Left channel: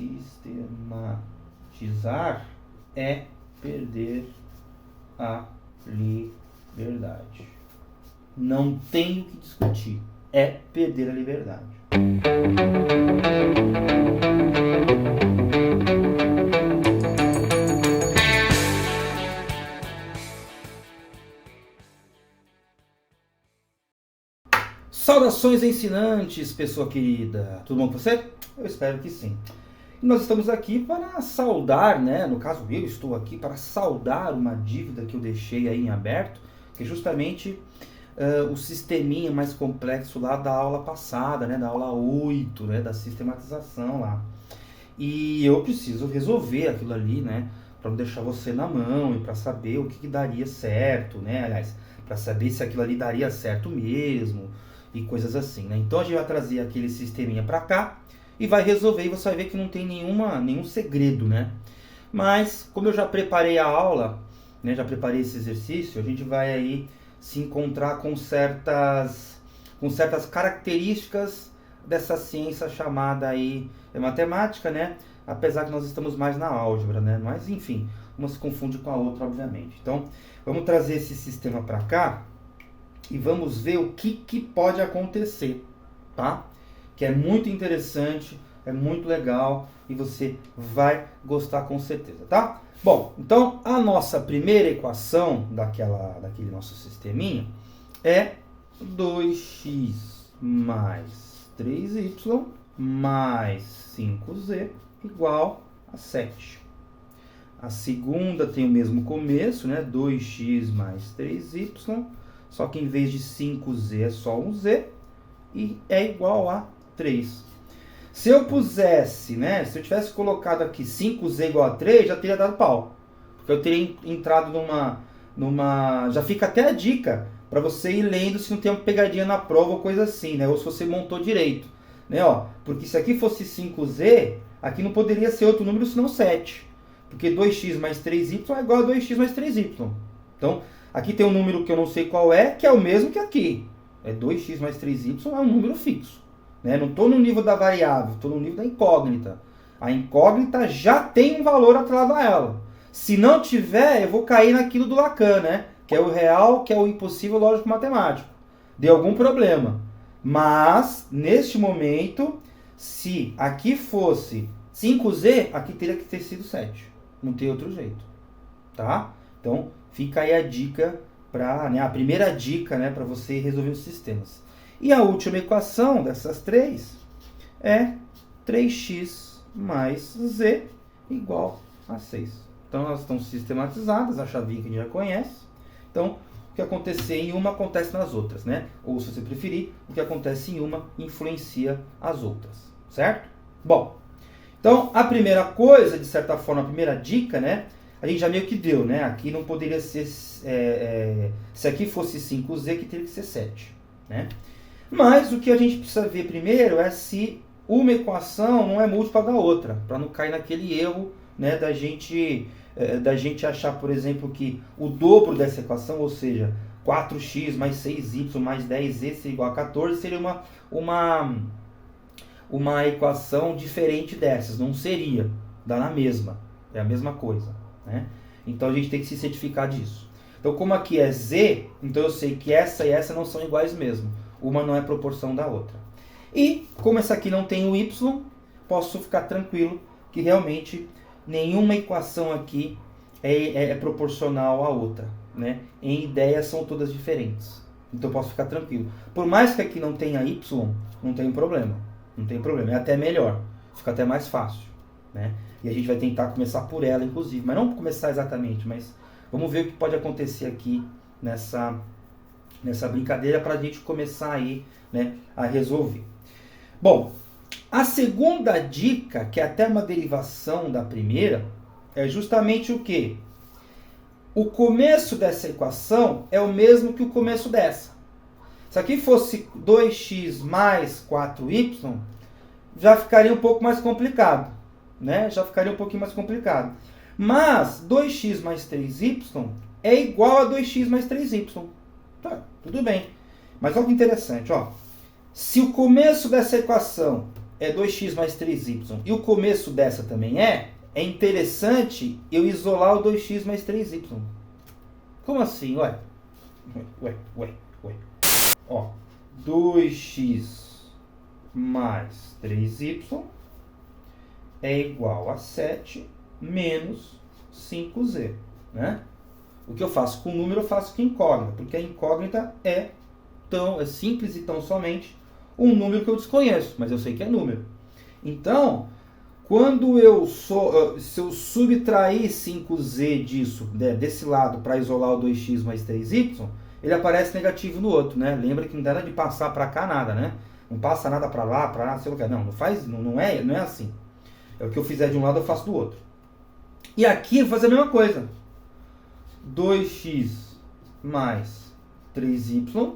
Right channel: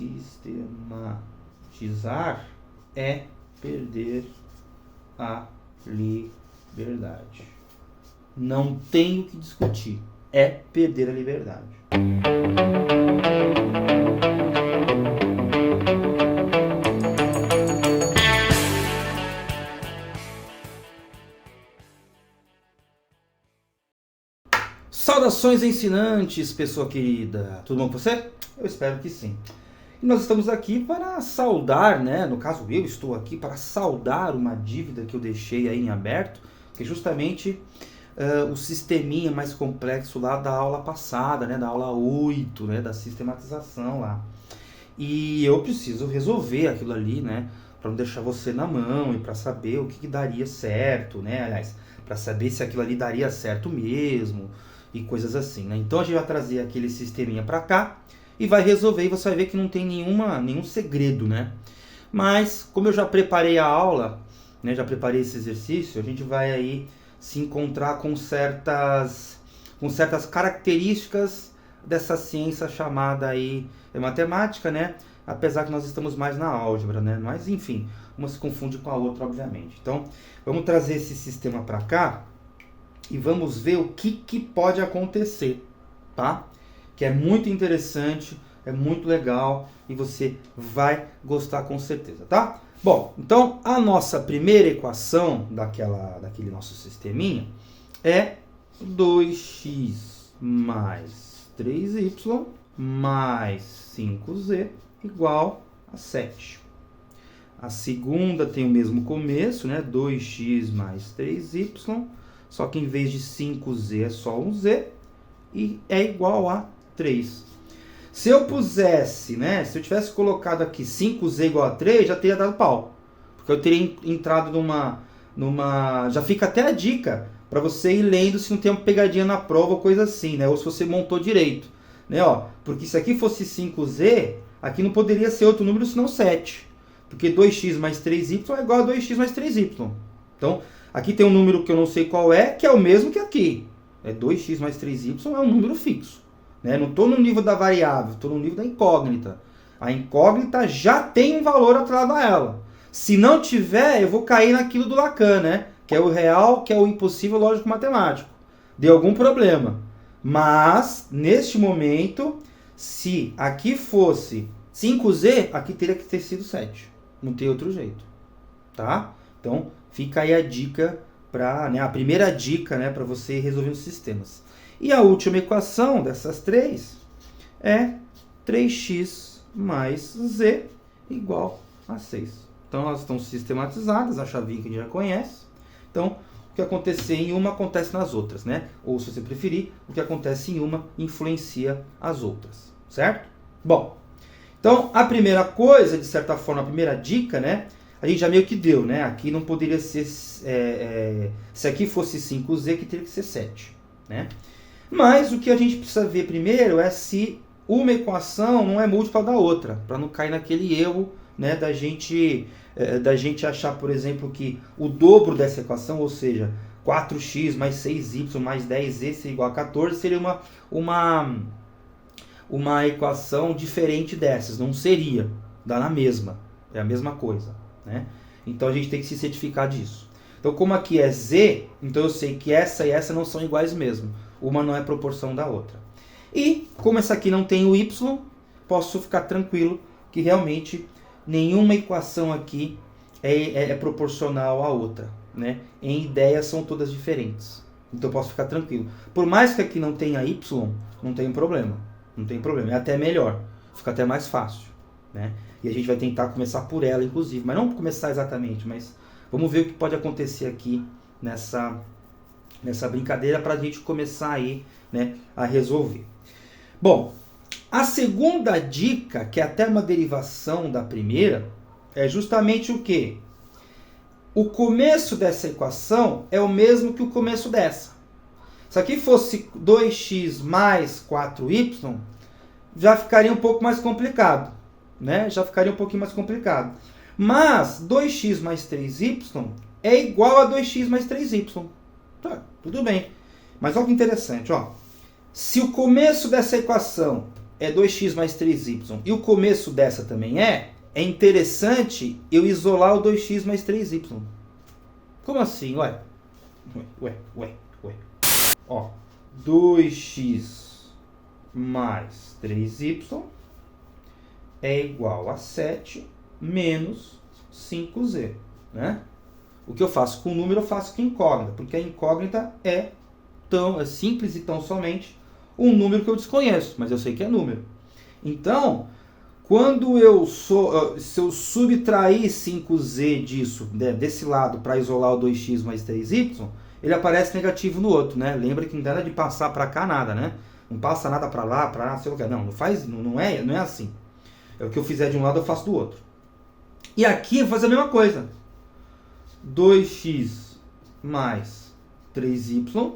sistematizar é perder a liberdade. Não tem o que discutir. É perder a liberdade. Saudações ensinantes, pessoa querida. Tudo bom com você? Eu espero que sim. E nós estamos aqui para saudar, né? No caso, eu estou aqui para saudar uma dívida que eu deixei aí em aberto, que é justamente o sisteminha mais complexo lá da aula passada, né? Da aula 8, né? Da sistematização lá. E eu preciso resolver aquilo ali, né? Para não deixar você na mão e para saber o que daria certo, né? Aliás, para saber se aquilo ali daria certo mesmo e coisas assim, né? Então a gente vai trazer aquele sisteminha para cá e vai resolver, e você vai ver que não tem nenhum segredo, né? Mas, como eu já preparei a aula, né, já preparei esse exercício, a gente vai aí se encontrar com certas características dessa ciência chamada aí matemática, né? Apesar que nós estamos mais na álgebra, né? Mas, enfim, uma se confunde com a outra, obviamente. Então, vamos trazer esse sistema para cá e vamos ver o que pode acontecer, tá? Que é muito interessante, é muito legal e você vai gostar com certeza, tá? Bom, então a nossa primeira equação daquele nosso sisteminha é 2x mais 3y mais 5z igual a 7. A segunda tem o mesmo começo, né? 2x mais 3y, só que em vez de 5z é só um z e é igual a 3. Se eu pusesse, né, se eu tivesse colocado aqui 5z igual a 3, já teria dado pau. Porque eu teria entrado numa... Já fica até a dica para você ir lendo se não tem uma pegadinha na prova ou coisa assim, né? Ou se você montou direito. Né, ó, porque se aqui fosse 5z, aqui não poderia ser outro número senão 7. Porque 2x mais 3y é igual a 2x mais 3y. Então, aqui tem um número que eu não sei qual é, que é o mesmo que aqui. É 2x mais 3y é um número fixo. Né? Não estou no nível da variável, estou no nível da incógnita. A incógnita já tem um valor atrelado a ela. Se não tiver, eu vou cair naquilo do Lacan, né? Que é o real, que é o impossível lógico-matemático. Deu algum problema. Mas, neste momento, se aqui fosse 5z, aqui teria que ter sido 7. Não tem outro jeito. Tá? Então, fica aí a dica, a primeira dica, né, para você resolver os sistemas. E a última equação dessas três é 3x mais z igual a 6. Então, elas estão sistematizadas, a chavinha que a gente já conhece. Então, o que acontecer em uma acontece nas outras, né? Ou, se você preferir, o que acontece em uma influencia as outras, certo? Bom, então, a primeira coisa, de certa forma, a primeira dica, né? A gente já meio que deu, né? Aqui não poderia ser... se aqui fosse 5z, aqui teria que ser 7, né? Mas o que a gente precisa ver primeiro é se uma equação não é múltipla da outra, para não cair naquele erro, né, da gente achar, por exemplo, que o dobro dessa equação, ou seja, 4x mais 6y mais 10z seria igual a 14, seria uma equação diferente dessas. Não seria, dá na mesma, é a mesma coisa, né? Então a gente tem que se certificar disso. Então, como aqui é z, então eu sei que essa e essa não são iguais mesmo. Uma não é proporção da outra. E, como essa aqui não tem o y, posso ficar tranquilo que realmente nenhuma equação aqui é proporcional à outra, né? Em ideia são todas diferentes. Então eu posso ficar tranquilo. Por mais que aqui não tenha y, não tem problema. Não tem problema. É até melhor. Fica até mais fácil, né? E a gente vai tentar começar por ela, inclusive. Mas não começar exatamente, mas vamos ver o que pode acontecer aqui nessa brincadeira para a gente começar aí, né, a resolver. Bom, a segunda dica, que é até uma derivação da primeira, é justamente o quê? O começo dessa equação é o mesmo que o começo dessa. Se aqui fosse 2x mais 4y, já ficaria um pouco mais complicado, né? Já ficaria um pouquinho mais complicado. Mas 2x mais 3y é igual a 2x mais 3y. Tá, tudo bem. Mas olha que interessante, ó. Se o começo dessa equação é 2x mais 3y, e o começo dessa também é interessante eu isolar o 2x mais 3y. Como assim? Ué. Ó, 2x mais 3y é igual a 7 menos 5z, né? O que eu faço com o número, eu faço com incógnita, porque a incógnita é simples e tão somente um número que eu desconheço, mas eu sei que é número. Então, se eu subtrair 5z disso, desse lado, para isolar o 2x mais 3y, ele aparece negativo no outro, né? Lembra que não dá de passar para cá nada, né? Não passa nada para lá, sei lá. Não é assim. É o que eu fizer de um lado, eu faço do outro. E aqui eu vou fazer a mesma coisa. 2x mais 3y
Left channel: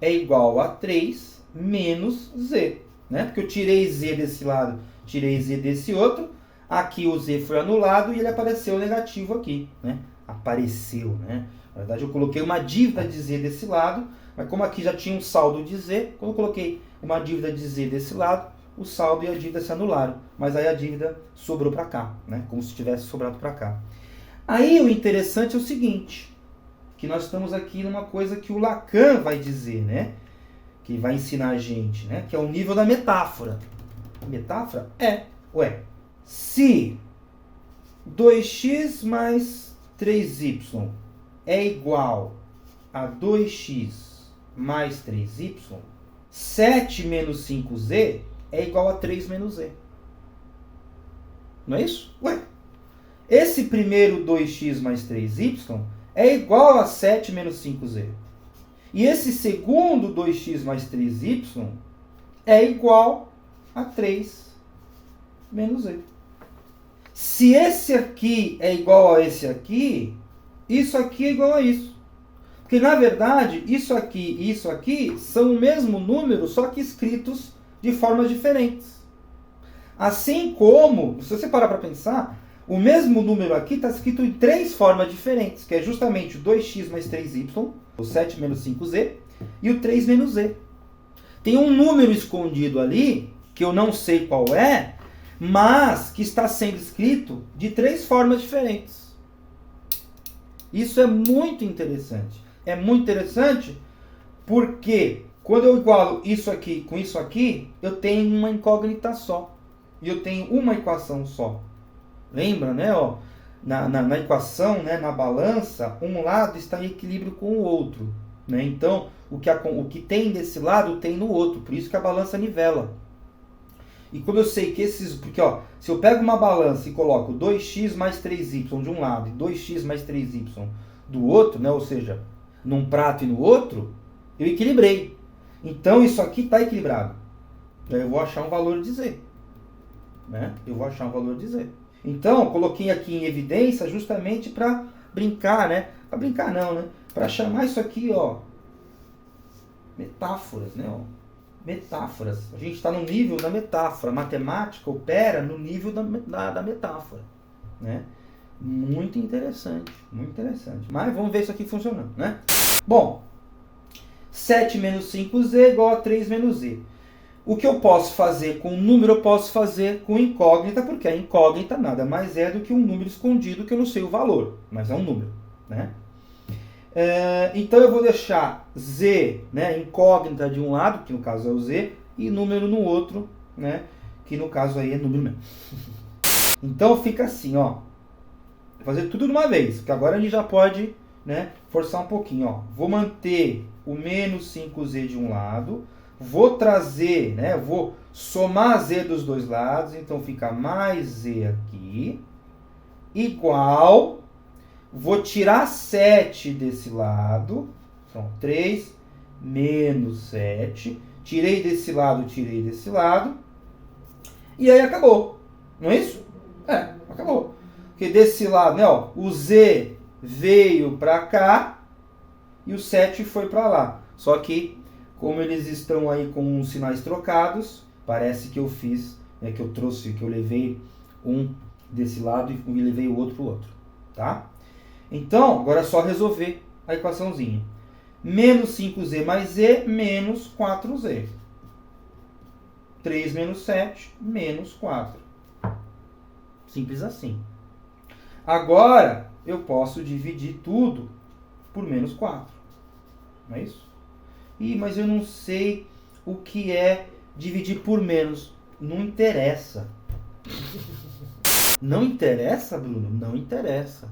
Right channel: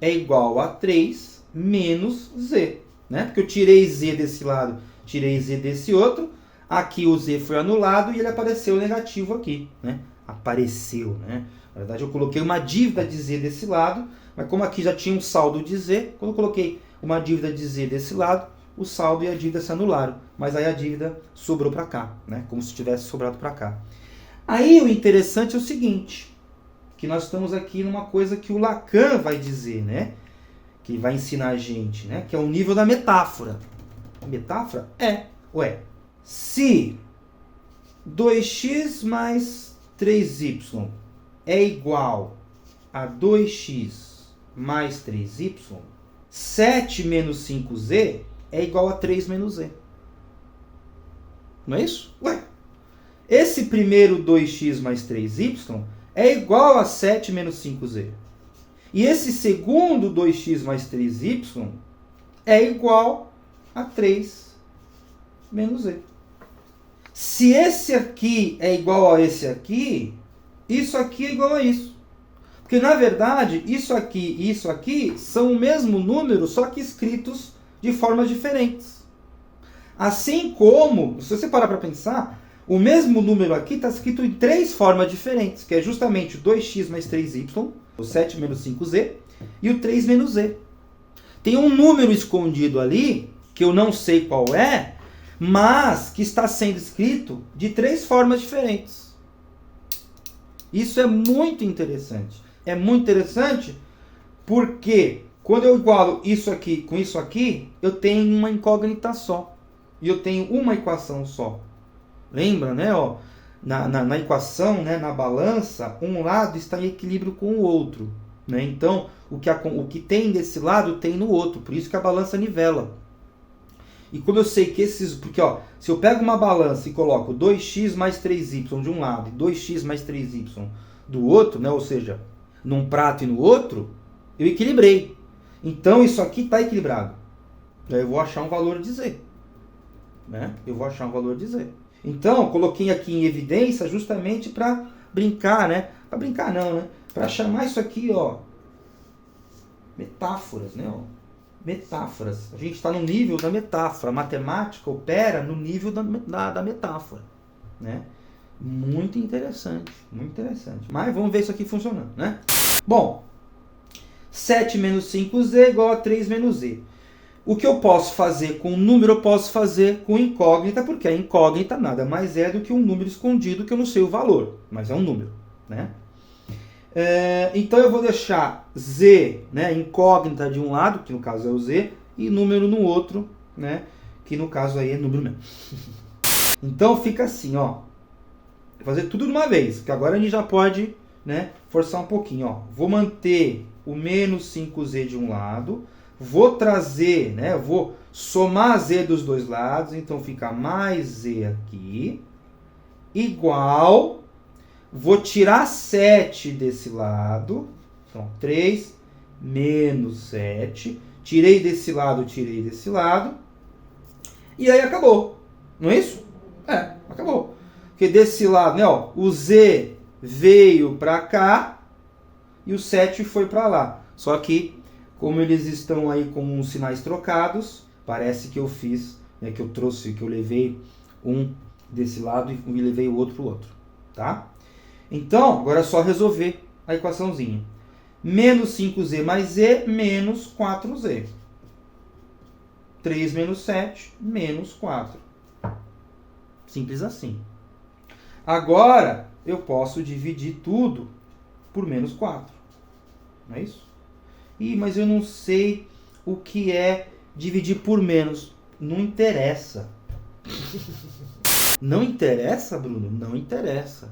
é igual a 3 menos z, né? Porque eu tirei z desse lado, tirei z desse outro. Aqui o z foi anulado e ele apareceu negativo aqui, né? Apareceu, né? Na verdade, eu coloquei uma dívida de z desse lado, mas como aqui já tinha um saldo de z, quando eu coloquei uma dívida de z desse lado, o saldo e a dívida se anularam. Mas aí a dívida sobrou para cá, né? Como se tivesse sobrado para cá. Aí o interessante é o seguinte, que nós estamos aqui numa coisa que o Lacan vai dizer, né? Que vai ensinar a gente, né? Que é o nível da metáfora. A metáfora se 2x mais 3y é igual a 2x mais 3y, 7 menos 5z é igual a 3 menos z. Não é isso? Esse primeiro 2x mais 3y é igual a 7 menos 5z. E esse segundo 2x mais 3y é igual a 3 menos z. Se esse aqui é igual a esse aqui, isso aqui é igual a isso. Porque, na verdade, isso aqui e isso aqui são o mesmo número, só que escritos de formas diferentes. Assim como, se você parar para pensar, o mesmo número aqui está escrito em 3 formas diferentes, que é justamente o 2x mais 3y, o 7 menos 5z, e o 3 menos z. Tem um número escondido ali, que eu não sei qual é, mas que está sendo escrito de 3 formas diferentes. Isso é muito interessante. É muito interessante porque quando eu igualo isso aqui com isso aqui, eu tenho uma incógnita só. E eu tenho uma equação só. Lembra, né? Ó, na equação, né, na balança, um lado está em equilíbrio com o outro. Né? Então, o que tem desse lado tem no outro. Por isso que a balança nivela. E como eu sei que porque, ó, se eu pego uma balança e coloco 2x mais 3y de um lado e 2x mais 3y do outro, né? Ou seja, num prato e no outro, eu equilibrei. Então, isso aqui está equilibrado. Aí eu vou achar um valor de z. Né? Eu vou achar um valor de z. Então, eu coloquei aqui em evidência justamente para brincar, né? Para brincar não, né? Para chamar isso aqui, ó, metáforas, né? Ó. Metáforas. A gente está no nível da metáfora. A matemática opera no nível da metáfora, né? Muito interessante, muito interessante. Mas vamos ver isso aqui funcionando, né? Bom, 7 menos 5z é igual a 3 menos z. O que eu posso fazer com número, eu posso fazer com incógnita, porque a incógnita nada mais é do que um número escondido que eu não sei o valor, mas é um número, né? Então eu vou deixar z, né, incógnita de um lado, que no caso é o z, e número no outro, né, que no caso aí é número mesmo. Então fica assim, ó. Vou fazer tudo de uma vez, porque agora a gente já pode, né, forçar um pouquinho, ó. Vou manter o menos 5z de um lado, vou trazer, né, vou somar z dos dois lados, então fica mais z aqui, igual, vou tirar 7 desse lado, então 3 menos 7, tirei desse lado, e aí acabou, não é isso? Acabou. Porque desse lado, né, ó, o z veio para cá e o 7 foi para lá. Só que, como eles estão aí com os sinais trocados, parece que eu fiz, né, que eu levei um desse lado e levei o outro para o outro, tá? Então, agora é só resolver a equaçãozinha. Menos 5z mais z, menos 4z. 3 menos 7, menos 4. Simples assim. Agora, eu posso dividir tudo por menos 4. Não é isso? Mas eu não sei o que é dividir por menos. Não interessa. Não interessa, Bruno? Não interessa.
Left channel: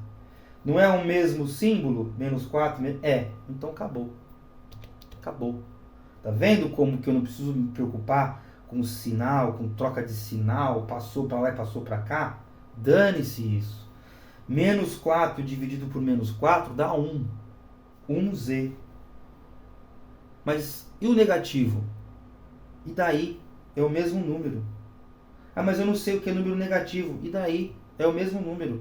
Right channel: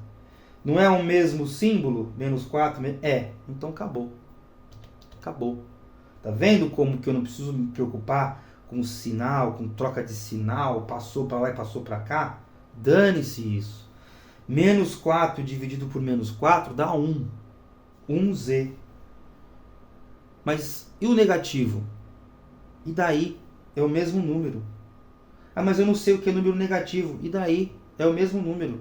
Não é o mesmo símbolo? Menos 4? É. Então acabou. Acabou. Tá vendo como que eu não preciso me preocupar com sinal, com troca de sinal, passou para lá e passou para cá? Dane-se isso. Menos 4 dividido por menos 4 dá 1. 1z. Mas e o negativo? E daí? É o mesmo número. Ah, mas eu não sei o que é número negativo. E daí? É o mesmo número.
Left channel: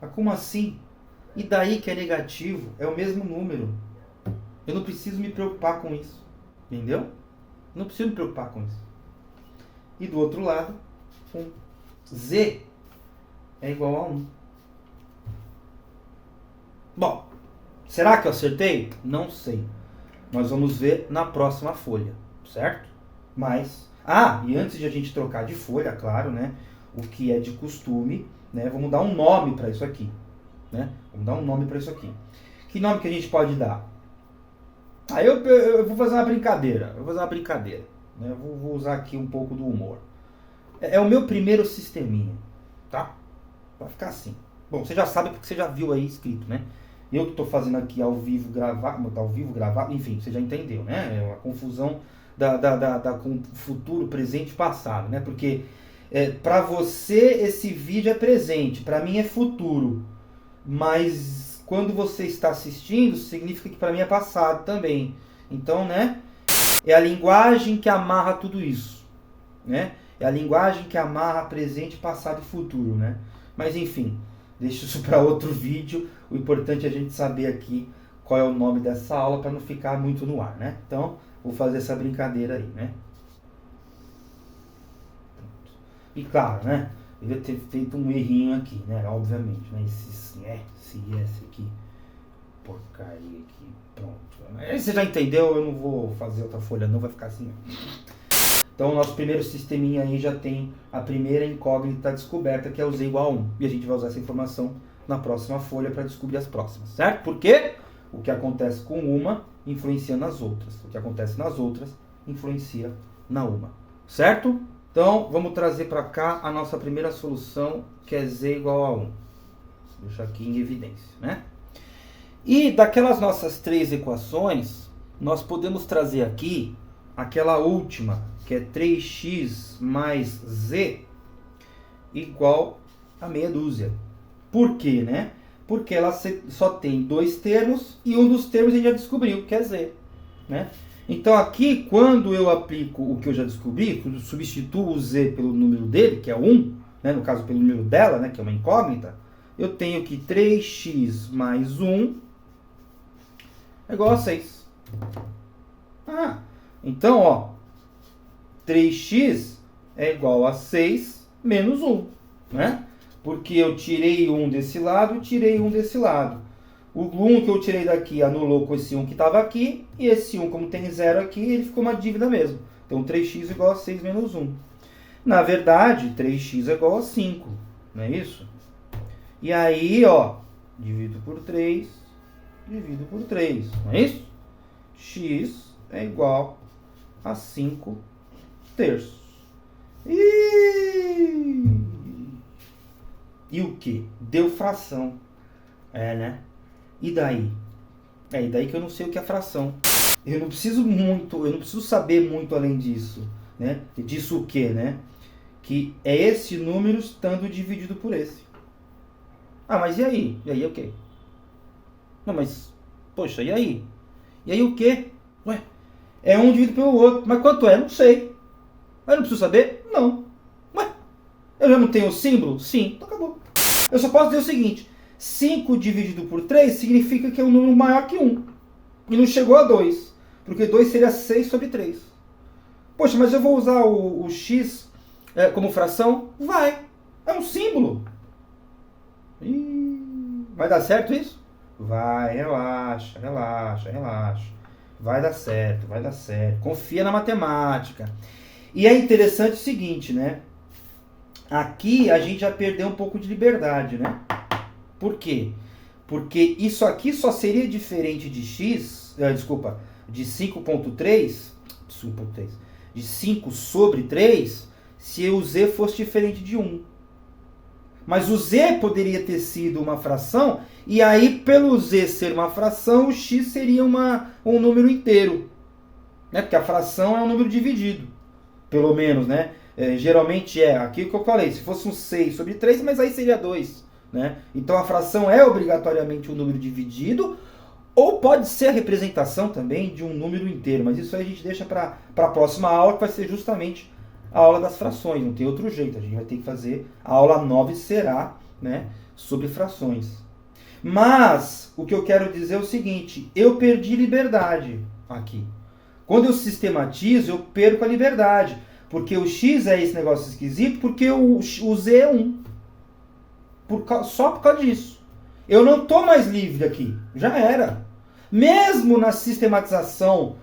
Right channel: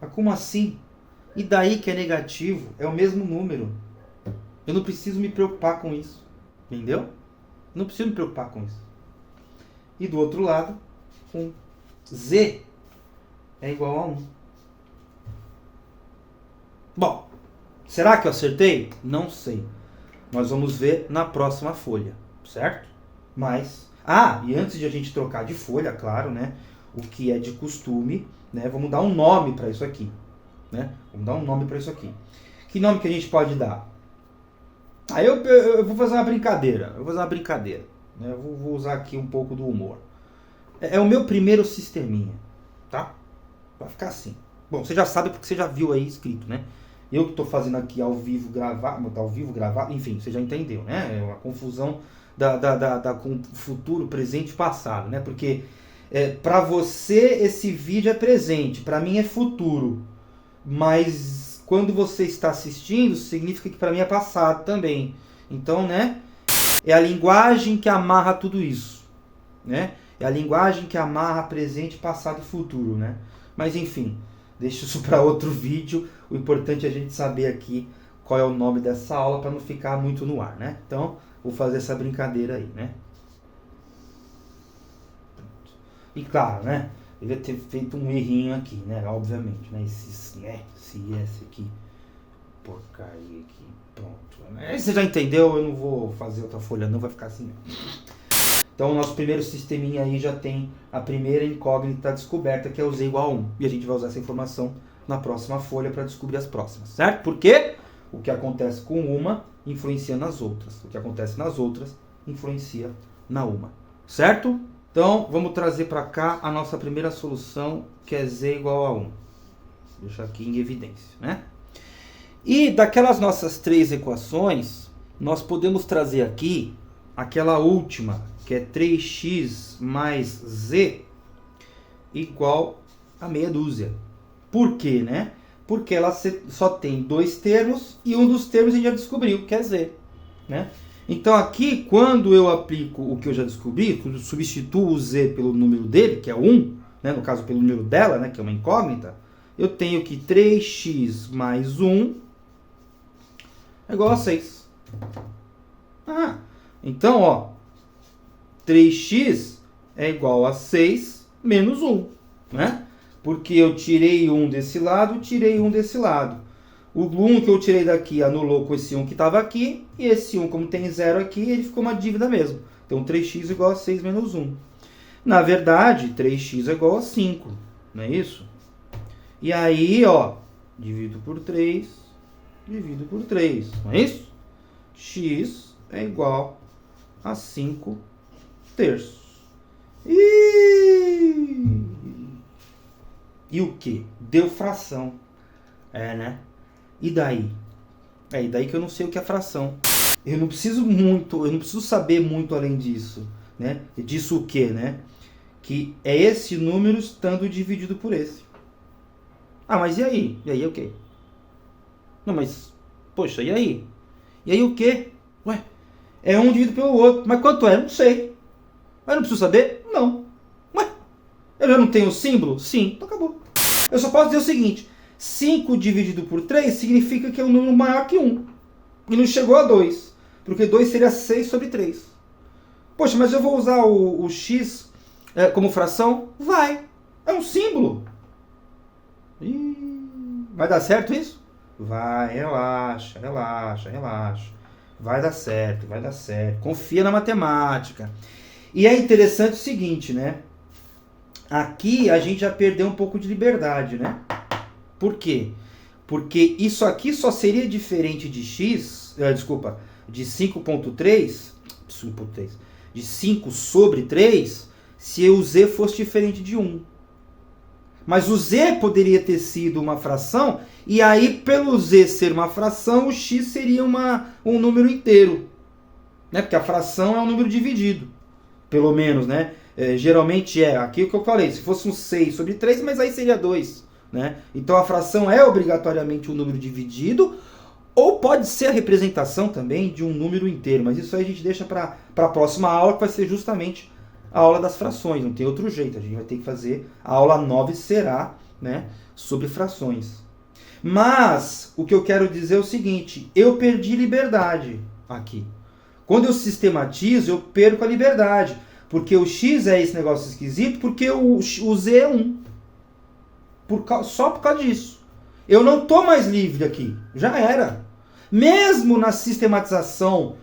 Mas como assim? E daí que é negativo? É o mesmo número. Eu não preciso me preocupar com isso. Entendeu? Não preciso me preocupar com isso. E do outro lado, 1. Z é igual a 1. Bom, será que eu acertei? Não sei. Nós vamos ver na próxima folha, certo? Mas, e antes de a gente trocar de folha, claro, né? O que é de costume, né? Vamos dar um nome para isso aqui, né? Vamos dar um nome para isso aqui. Que nome que a gente pode dar? Aí eu vou fazer uma brincadeira. Né? Vou usar aqui um pouco do humor. É o meu primeiro sisteminha, tá? Vai ficar assim. Bom, você já sabe porque você já viu aí escrito, né? Eu que estou fazendo aqui ao vivo gravado, enfim, você já entendeu, né? É uma confusão com futuro, presente e passado, né? Porque para você esse vídeo é presente, para mim é futuro. Mas quando você está assistindo, significa que para mim é passado também. Então, né? É a linguagem que amarra tudo isso, né? É a linguagem que amarra presente, passado e futuro, né? Mas enfim, deixa isso para outro vídeo. O importante é a gente saber aqui qual é o nome dessa aula para não ficar muito no ar, né? Então, vou fazer essa brincadeira aí, né? E claro, né? Eu devia ter feito um errinho aqui, né? Obviamente, né? Esse aqui, porcaria aqui, pronto. Você já entendeu? Eu não vou fazer outra folha não, vai ficar assim. Então, o nosso primeiro sisteminha aí já tem a primeira incógnita descoberta, que é o z igual a 1. E a gente vai usar essa informação na próxima folha para descobrir as próximas, certo? Porque o que acontece com uma influencia nas outras. O que acontece nas outras influencia na uma, certo? Então, vamos trazer para cá a nossa primeira solução, que é z igual a 1. Vou deixar aqui em evidência, né? E daquelas nossas 3 equações, nós podemos trazer aqui aquela última, que é 3x mais z igual a meia dúzia. Por quê, né? Porque ela só tem 2 termos e um dos termos a gente já descobriu, que é z, né? Então aqui, quando eu aplico o que eu já descobri, quando eu substituo o z pelo número dele, que é 1, né? No caso pelo número dela, né? Que é uma incógnita, eu tenho que 3x mais 1 é igual a 6. Então, ó, 3x é igual a 6 menos 1, né? Porque eu tirei 1 desse lado e tirei 1 desse lado. O 1 que eu tirei daqui anulou com esse 1 que estava aqui, e esse 1, como tem 0 aqui, ele ficou uma dívida mesmo. Então, 3x é igual a 6 menos 1. Na verdade, 3x é igual a 5, não é isso? E aí, ó, divido por 3, não é isso? X é igual a 5 terços. E o que? Deu fração. Né? E daí? E daí que eu não sei o que é fração. Eu não preciso saber muito além disso, né? Disso o que, né? Que é esse número estando dividido por esse. Mas e aí? E aí o quê? Não, mas, poxa, e aí? E aí o quê? Ué, é um dividido pelo outro. Mas quanto é? Não sei. Mas não preciso saber? Não. Ué, eu já não tenho o símbolo? Sim, então acabou. Eu só posso dizer o seguinte: 5 dividido por 3 significa que é um número maior que 1. E não chegou a 2. Porque 2 seria 6 sobre 3. Poxa, mas eu vou usar o x como fração? Vai. É um símbolo. Vai dar certo isso? Vai, relaxa. Vai dar certo, vai dar certo. Confia na matemática. E é interessante o seguinte, né? Aqui a gente já perdeu um pouco de liberdade, né? Por quê? Porque isso aqui só seria diferente de x, de 5.3, de 5 sobre 3, se o z fosse diferente de 1. Mas o z poderia ter sido uma fração, e aí, pelo z ser uma fração, o x seria um número inteiro. Né? Porque a fração é um número dividido. Pelo menos, né? Geralmente aqui o que eu falei, se fosse um 6 sobre 3, mas aí seria 2. Né? Então a fração é obrigatoriamente um número dividido, ou pode ser a representação também de um número inteiro, mas isso aí a gente deixa para a próxima aula, que vai ser justamente a aula das frações, não tem outro jeito, a gente vai ter que fazer, a aula 9 será, né, sobre frações. Mas o que eu quero dizer é o seguinte, eu perdi liberdade aqui. Quando eu sistematizo, eu perco a liberdade, porque o x é esse negócio esquisito, porque o z é 1. Só por causa disso. Eu não estou mais livre aqui. Já era. Mesmo na sistematização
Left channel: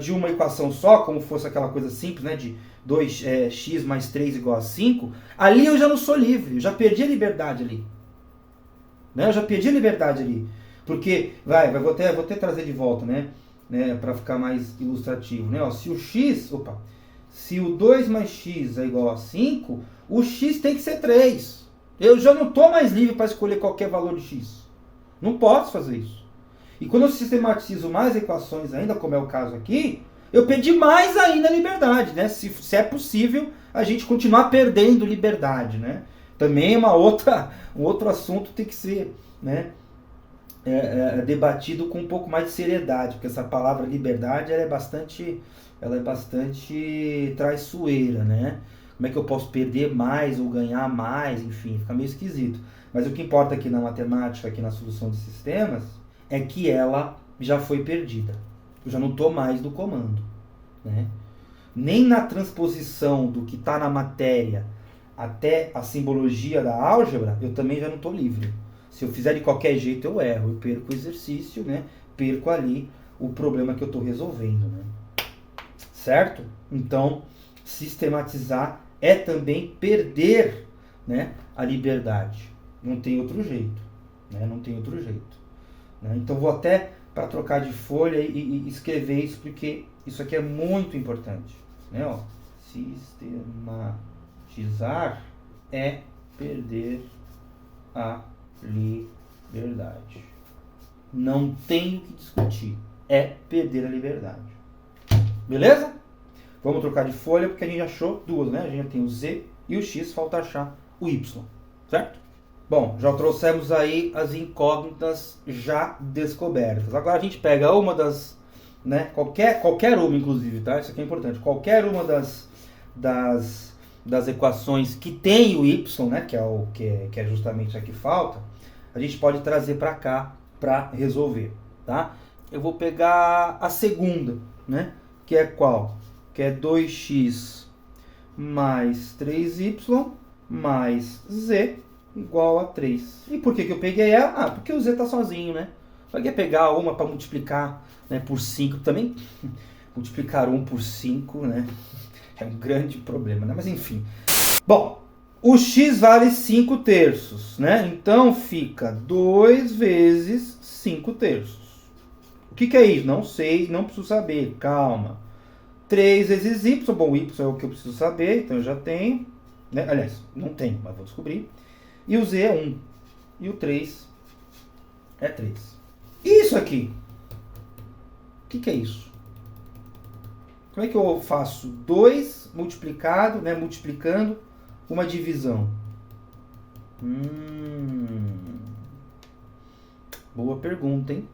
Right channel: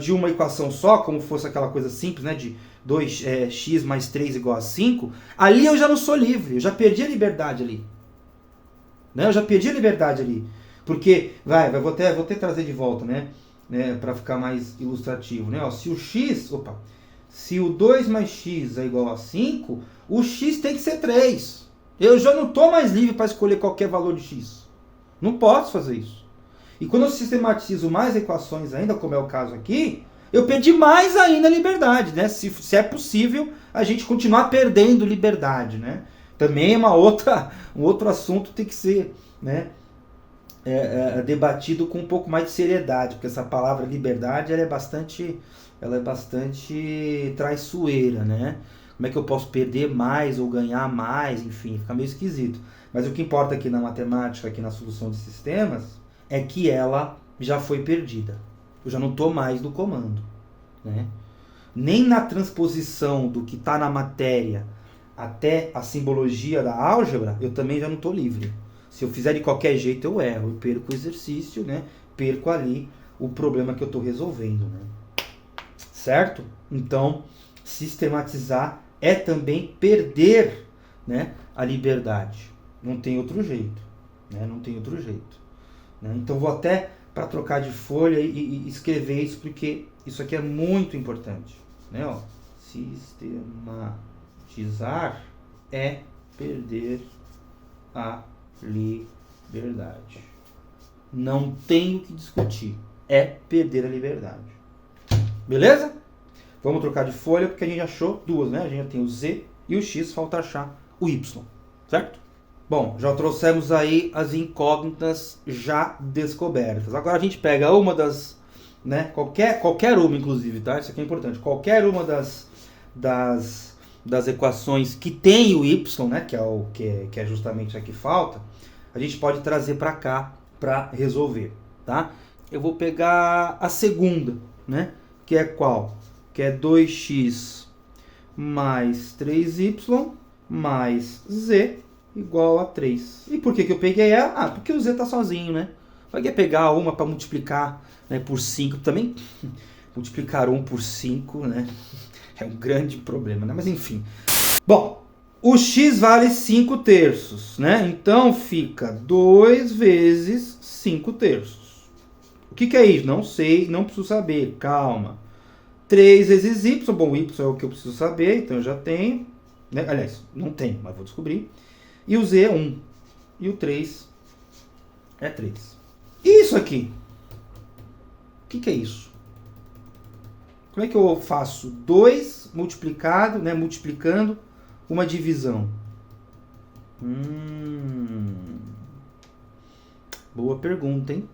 de uma equação só, como fosse aquela coisa simples, né, de 2x mais 3 igual a 5, ali eu já não sou livre. Eu já perdi a liberdade ali. Né? Eu já perdi a liberdade ali. Porque, vou até trazer de volta, né, para ficar mais ilustrativo. Né? Ó, se o 2 mais x é igual a 5, o x tem que ser 3. Eu já não estou mais livre para escolher qualquer valor de x. Não posso fazer isso. E quando eu sistematizo mais equações ainda, como é o caso aqui, eu perdi mais ainda a liberdade, né? Se é possível a gente continuar perdendo liberdade, né? Também um outro assunto tem que ser, né, debatido com um pouco mais de seriedade, porque essa palavra liberdade ela é bastante traiçoeira, né? Como é que eu posso perder mais ou ganhar mais, enfim, fica meio esquisito. Mas o que importa aqui na matemática, aqui na solução de sistemas, é que ela já foi perdida. Eu já não estou mais no comando. Né? Nem na transposição do que está na matéria até a simbologia da álgebra, eu também já não estou livre. Se eu fizer de qualquer jeito, eu erro. Eu perco o exercício, né? Perco ali o problema que eu estou resolvendo. Né? Certo? Então, sistematizar é também perder, né, a liberdade. Não tem outro jeito. Né? Não tem outro jeito. Né? Então vou até para trocar de folha e escrever isso, porque isso aqui é muito importante. Né? Ó, sistematizar é perder a liberdade. Não tem o que discutir. É perder a liberdade. Beleza? Vamos trocar de folha, porque a gente achou duas, né? A gente já tem o Z e o X, falta achar o Y, certo? Bom, já trouxemos aí as incógnitas já descobertas. Agora a gente pega uma das, né? Qualquer uma, inclusive, tá? Isso aqui é importante. Qualquer uma das equações que tem o Y, né? Que é justamente a que falta, a gente pode trazer para cá para resolver, tá? Eu vou pegar a segunda, né? Que é qual? Que é 2x mais 3y mais z igual a 3. E por que eu peguei ela? Porque o z está sozinho, né? Vai pegar uma para multiplicar, né, por 5 também. Multiplicar 1 por 5, né? É um grande problema, né? Mas enfim. Bom, o x vale 5 terços, né? Então fica 2 vezes 5 terços. O que é isso? Não sei, não preciso saber. Calma. 3 vezes y, bom, o y é o que eu preciso saber, então eu já tenho, né? Aliás, não tenho, mas vou descobrir. E o z é 1, e o 3 é 3. E isso aqui? O que é isso? Como é que eu faço 2 multiplicado, né, multiplicando uma divisão? Boa pergunta, hein?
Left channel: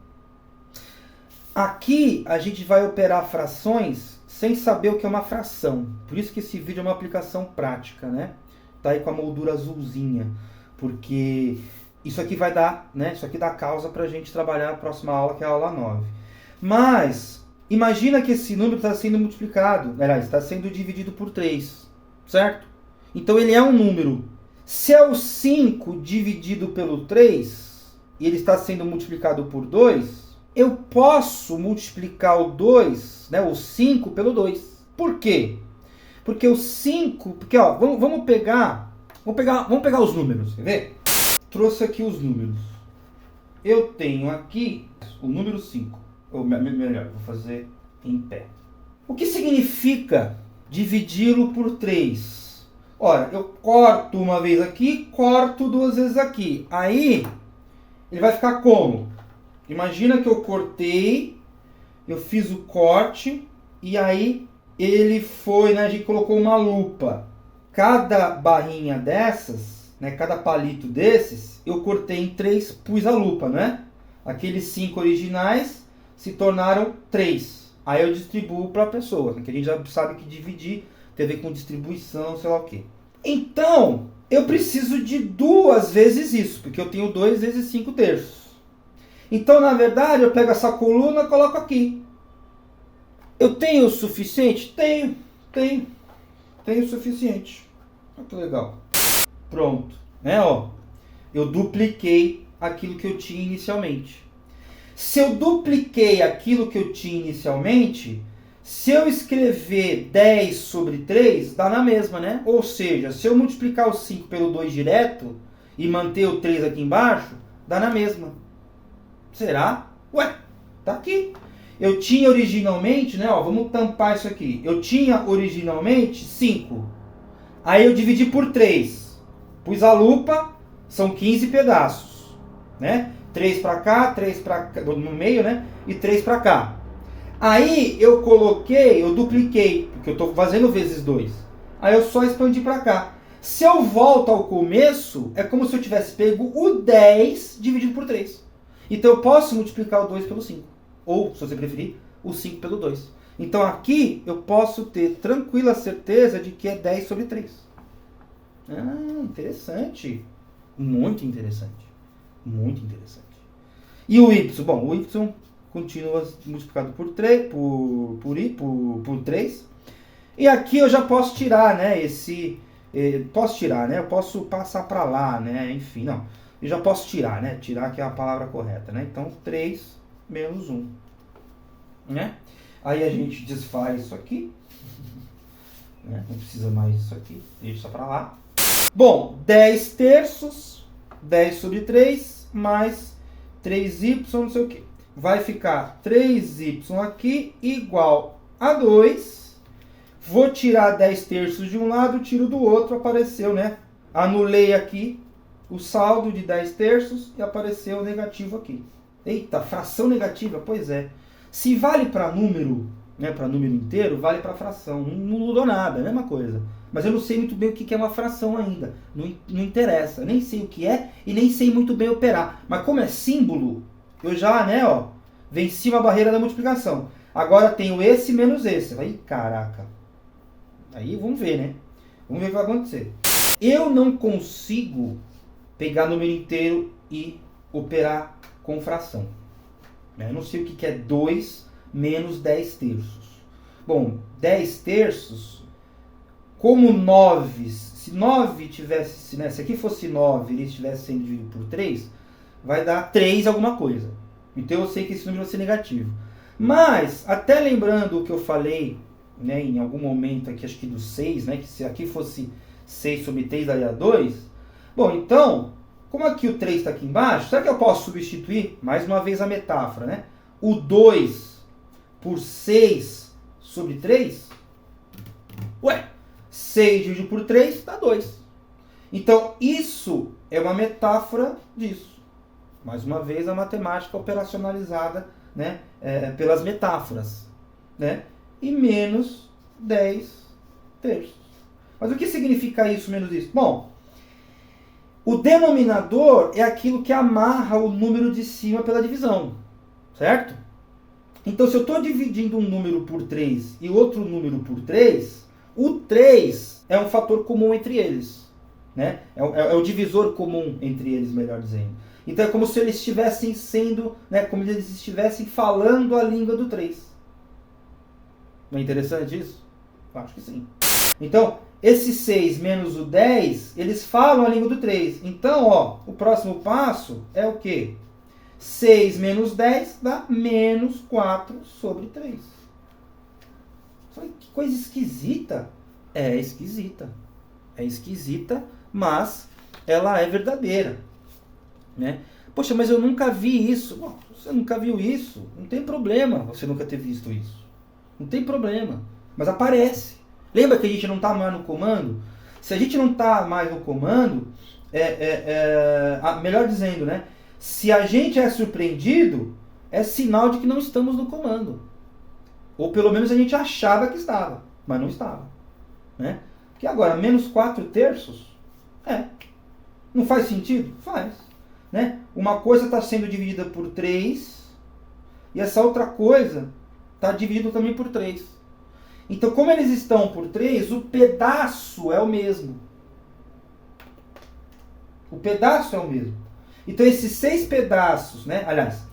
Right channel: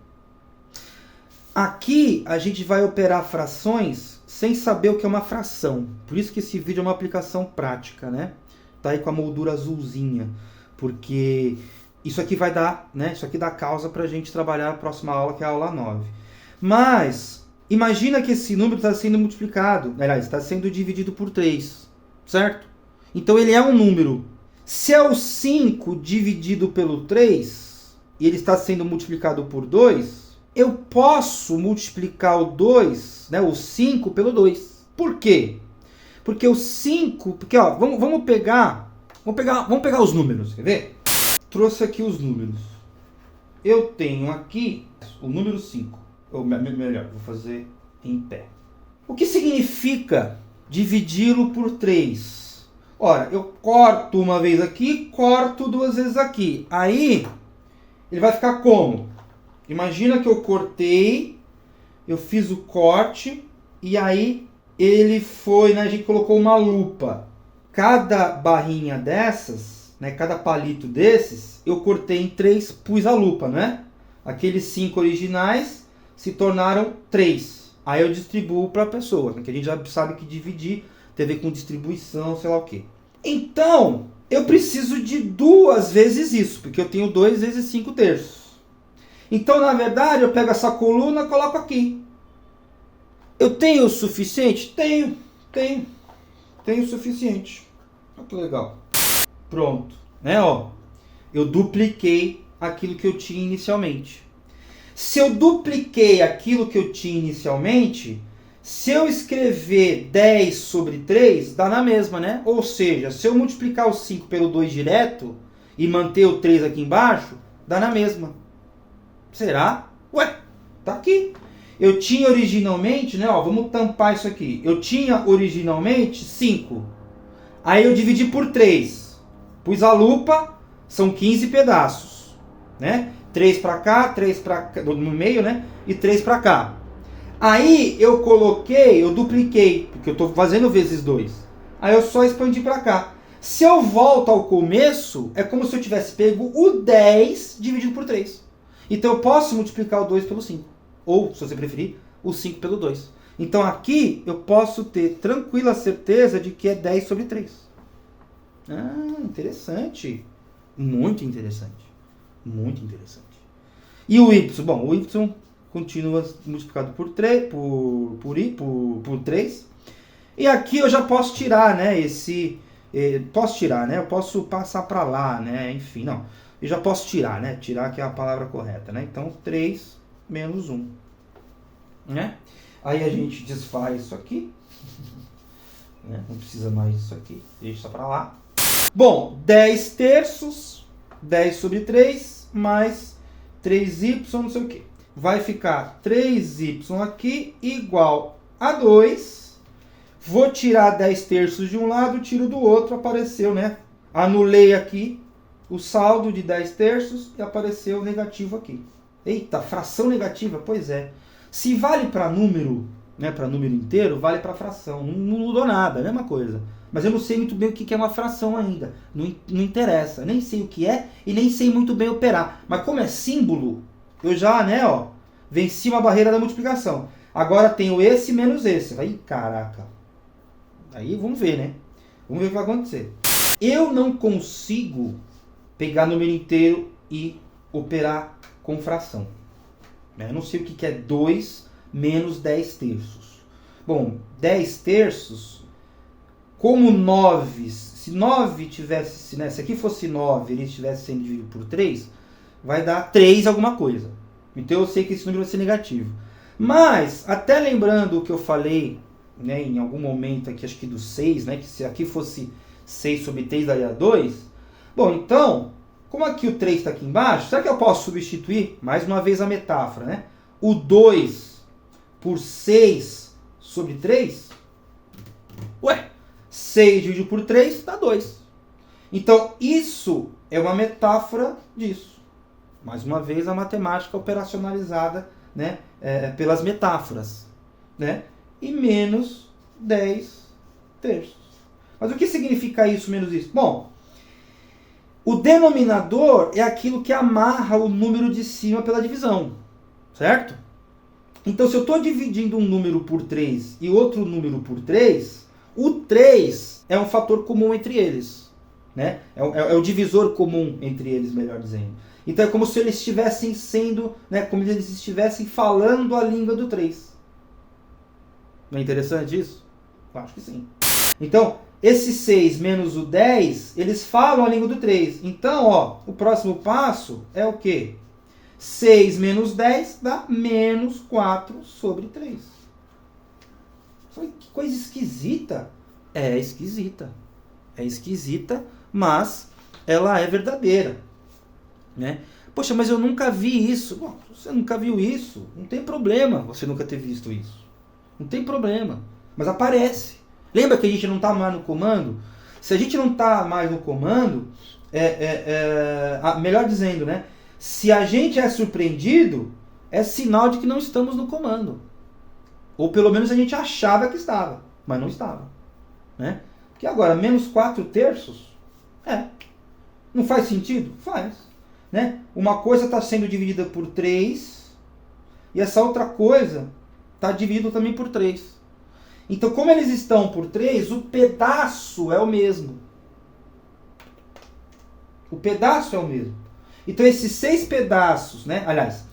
Aqui a gente vai operar frações sem saber o que é uma fração. Por isso que esse vídeo é uma aplicação prática, né? Tá aí com a moldura azulzinha. Porque isso aqui vai dar, né? Isso aqui dá causa para a gente trabalhar na próxima aula, que é a aula 9. Mas, imagina que esse número está sendo multiplicado. Aliás, está sendo dividido por 3. Certo? Então ele é um número. Se é o 5 dividido pelo 3, e ele está sendo multiplicado por 2... eu posso multiplicar o 2, né, o 5 pelo 2. Por quê? Porque o 5, porque ó, vamos pegar os números, quer ver? Trouxe aqui os números. Eu tenho aqui o número 5, ou melhor, vou fazer em pé. O que significa dividi-lo por 3? Ora, eu corto uma vez aqui, corto duas vezes aqui. Aí, ele vai ficar como? Imagina que eu cortei, eu fiz o corte, e aí ele foi, né, a gente colocou uma lupa. Cada barrinha dessas, né, cada palito desses, eu cortei em 3, pus a lupa, né? Aqueles 5 originais se tornaram 3. Aí eu distribuo para a pessoa, porque a gente já sabe que dividir tem a ver com distribuição, sei lá o quê. Então, eu preciso de 2 vezes isso, porque eu tenho 2 vezes 5 terços. Então, na verdade, eu pego essa coluna e coloco aqui. Eu tenho o suficiente? Tenho o suficiente. Olha que legal. Pronto, né? Ó, eu dupliquei aquilo que eu tinha inicialmente. Se eu dupliquei aquilo que eu tinha inicialmente, se eu escrever 10 sobre 3, dá na mesma, né? Ou seja, se eu multiplicar o 5 pelo 2 direto e manter o 3 aqui embaixo, dá na mesma. Será? Ué, tá aqui. Eu tinha originalmente, né? Ó, vamos tampar isso aqui. Eu tinha originalmente 5. Aí eu dividi por 3. Pus a lupa, são 15 pedaços, né? 3 para cá, 3 para cá, no meio, né? E 3 para cá. Aí eu coloquei, eu dupliquei, porque eu estou fazendo vezes 2. Aí eu só expandi para cá. Se eu volto ao começo, é como se eu tivesse pego o 10 dividido por 3. Então eu posso multiplicar o 2 pelo 5. Ou, se você preferir, o 5 pelo 2. Então aqui eu posso ter tranquila certeza de que é 10 sobre 3. Ah, interessante. Muito interessante. Muito interessante. E o y? Bom, o y continua multiplicado por 3. Por 3. E aqui eu já posso tirar, né? Posso tirar, né? Eu posso passar para lá, né? Enfim, não. Eu já posso tirar, né? Tirar que é a palavra correta, né? Então, 3 menos 1. Né? Aí a gente desfaz isso aqui. Né? Não precisa mais disso aqui. Deixa para lá. Bom, 10 terços. 10 sobre 3 mais 3y, não sei o que. Vai ficar 3y aqui igual a 2. Vou tirar 10 terços de um lado, tiro do outro. Apareceu, né? Anulei aqui o saldo de 10 terços e apareceu negativo aqui. Eita, fração negativa? Pois é. Se vale para número, né, para número inteiro, vale para fração. Não mudou nada, é a mesma coisa. Mas eu não sei muito bem o que é uma fração ainda. Não interessa. Nem sei o que é e nem sei muito bem operar. Mas como é símbolo, eu já, né, ó, venci uma barreira da multiplicação. Agora tenho esse menos esse. Aí, caraca. Aí vamos ver, né? Vamos ver o que vai acontecer. Eu não consigo pegar número inteiro e operar com fração. Eu não sei o que é 2 menos 10 terços. Bom, 10 terços, como 9, se 9 tivesse, né, se aqui fosse 9 ele estivesse sendo dividido por 3, vai dar 3 alguma coisa. Então eu sei que esse número vai ser negativo. Mas, até lembrando o que eu falei, né, em algum momento aqui, acho que do 6, né, que se aqui fosse 6 sobre 3 daria 2. Bom, então, como aqui o 3 está aqui embaixo, será que eu posso substituir, mais uma vez a metáfora, né? O 2 por 6 sobre 3? Ué, 6 dividido por 3 dá 2. Então, isso é uma metáfora disso. Mais uma vez, a matemática operacionalizada, né, pelas metáforas. Né? E menos 10 terços. Mas o que significa isso menos isso? Bom, o denominador é aquilo que amarra o número de cima pela divisão, certo? Então, se eu estou dividindo um número por 3 e outro número por 3, o 3 é um fator comum entre eles. Né? É o divisor comum entre eles, melhor dizendo. Então, é como se eles estivessem sendo, né, como se eles estivessem falando a língua do 3. Não é interessante isso? Eu acho que sim. Então, esse 6 menos o 10, eles falam a língua do 3. Então, ó, o próximo passo é o quê? 6 menos 10 dá menos 4 sobre 3. Que coisa esquisita. É esquisita. É esquisita, mas ela é verdadeira. Né? Poxa, mas eu nunca vi isso. Bom, você nunca viu isso, não tem problema você nunca ter visto isso. Não tem problema. Mas aparece. Lembra que a gente não está mais no comando? Se a gente não está mais no comando, melhor dizendo, né? Se a gente é surpreendido, é sinal de que não estamos no comando. Ou pelo menos a gente achava que estava, mas não estava. Né? Porque agora, menos 4 terços, não faz sentido? Faz. Né? Uma coisa está sendo dividida por 3 e essa outra coisa está dividida também por 3. Então, como eles estão por 3, o pedaço é o mesmo. O pedaço é o mesmo. Então, esses 6 pedaços, né? Aliás,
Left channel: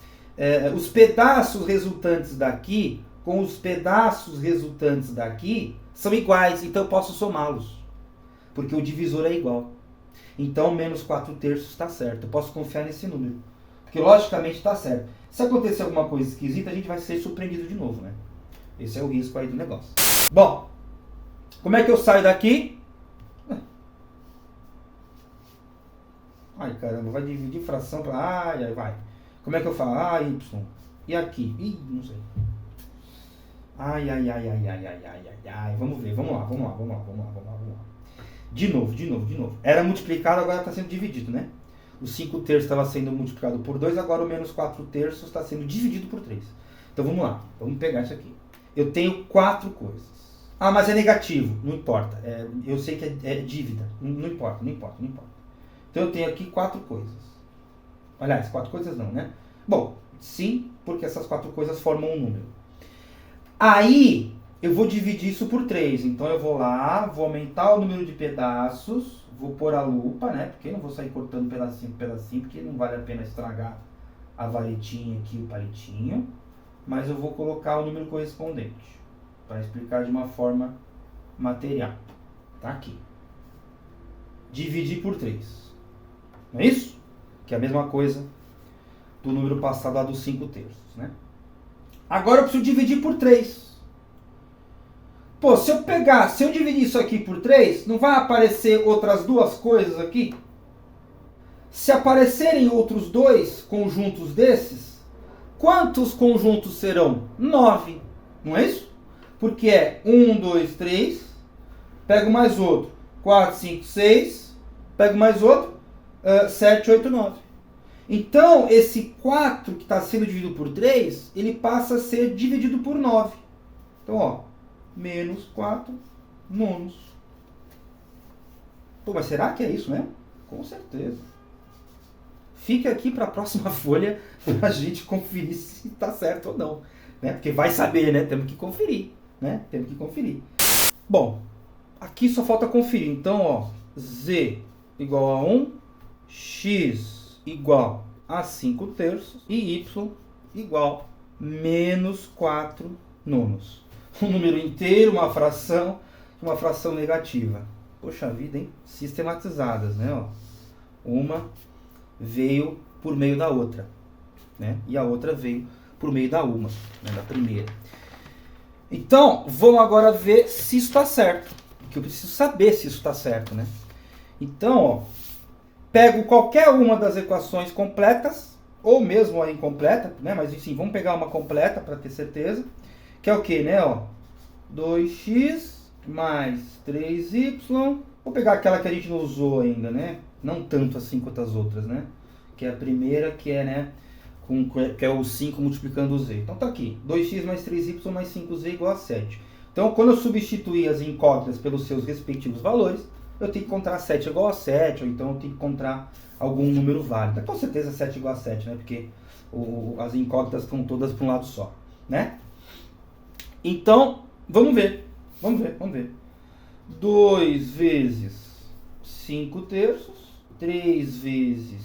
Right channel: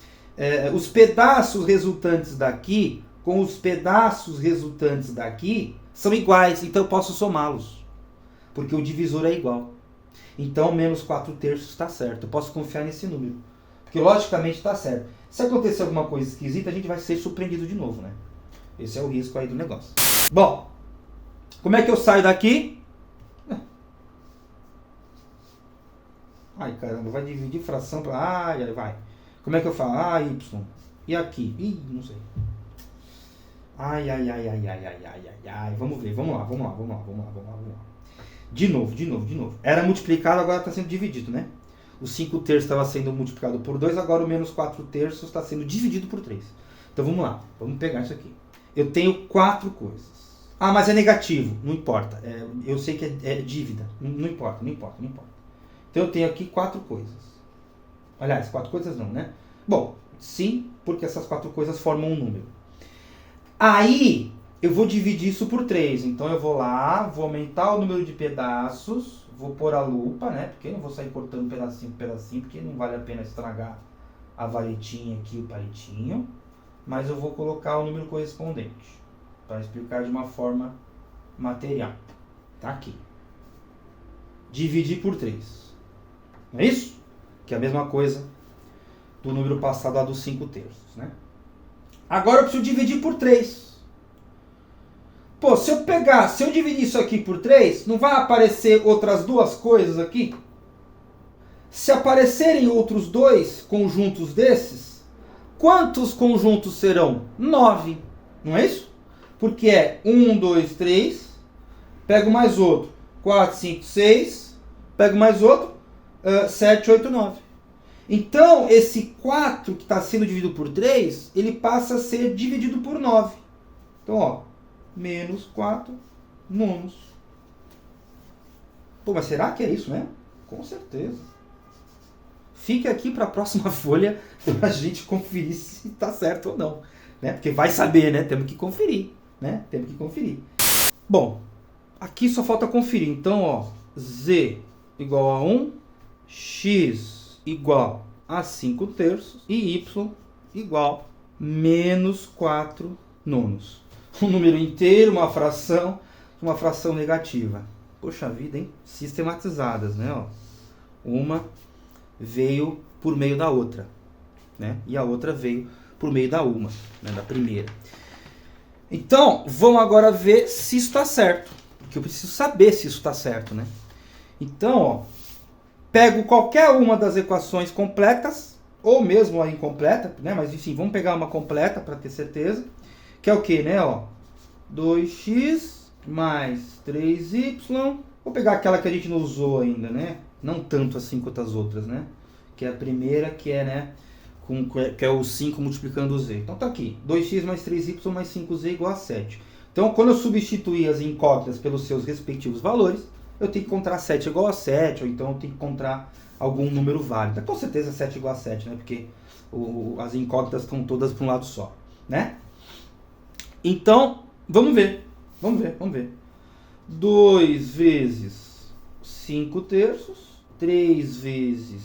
os pedaços resultantes daqui com os pedaços resultantes daqui são iguais, então eu posso somá-los. Porque o divisor é igual. Então, menos 4 terços está certo. Eu posso confiar nesse número. Porque, logicamente, está certo. Se acontecer alguma coisa esquisita, a gente vai ser surpreendido de novo, né? Esse é o risco aí do negócio. Bom, como é que eu saio daqui? Ai, caramba, vai dividir fração para... Ai, vai. Como é que eu falo? Y. E aqui? Ih, não sei. Ai. Vamos ver, vamos lá. De novo. Era multiplicado, agora está sendo dividido, né? O 5 terços estava sendo multiplicado por 2, agora o menos 4 terços está sendo dividido por 3. Então vamos lá, vamos pegar isso aqui. Eu tenho 4 coisas. Ah, mas é negativo. Não importa. Eu sei que é dívida. Não importa. Então eu tenho aqui 4 coisas. Aliás, 4 coisas não, né? Bom, sim, porque essas 4 coisas formam um número. Aí, eu vou dividir isso por 3. Então eu vou lá, vou aumentar o número de pedaços, vou pôr a lupa, né? Porque eu não vou sair cortando pedacinho por pedacinho, porque não vale a pena estragar a valetinha aqui, o palitinho. Mas eu vou colocar o número correspondente, para explicar de uma forma material. Tá aqui. Dividir por 3. Não é isso? Que é a mesma coisa do número passado lá dos 5 terços, né? Agora eu preciso dividir por 3. Pô, se eu dividir isso aqui por 3, não vai aparecer outras 2 coisas aqui? Se aparecerem outros 2 conjuntos desses, quantos conjuntos serão? 9. Não é isso? Porque é 1, 2, 3, pego mais outro, 4, 5, 6, pego mais outro, 7, 8, 9. Então, esse 4 que está sendo dividido por 3, ele passa a ser dividido por 9. Então, ó, menos 4 nonos. Pô, mas será que é isso mesmo? Com certeza. Fique aqui para a próxima folha para a gente conferir se está certo ou não. Né? Porque vai saber, né? Temos que conferir. Né? Temos que conferir. Bom, aqui só falta conferir. Então, ó, Z igual a 1, X igual a 5 terços e Y igual a menos 4 nonos. Um número inteiro, uma fração negativa. Poxa vida, hein? Sistematizadas, né? Ó. Uma veio por meio da outra, né? E a outra veio por meio da uma, né? Da primeira. Então, vamos agora ver se isso está certo. Porque eu preciso saber se isso está certo, né? Então, ó, pego qualquer uma das equações completas, ou mesmo a incompleta, né? Mas enfim, vamos pegar uma completa para ter certeza. Que é o que, né? Ó, 2x mais 3y. Vou pegar aquela que a gente não usou ainda, né? Não tanto assim quanto as outras, né? Que é a primeira, que é, né? Que é o 5 multiplicando o z. Então tá aqui. 2x mais 3y mais 5z igual a 7. Então, quando eu substituir as incógnitas pelos seus respectivos valores, eu tenho que encontrar 7 igual a 7, ou então eu tenho que encontrar algum número válido. Com certeza 7 igual a 7, né? Porque as incógnitas estão todas para um lado só, né? Então, vamos ver. 2 vezes 5 terços, 3 vezes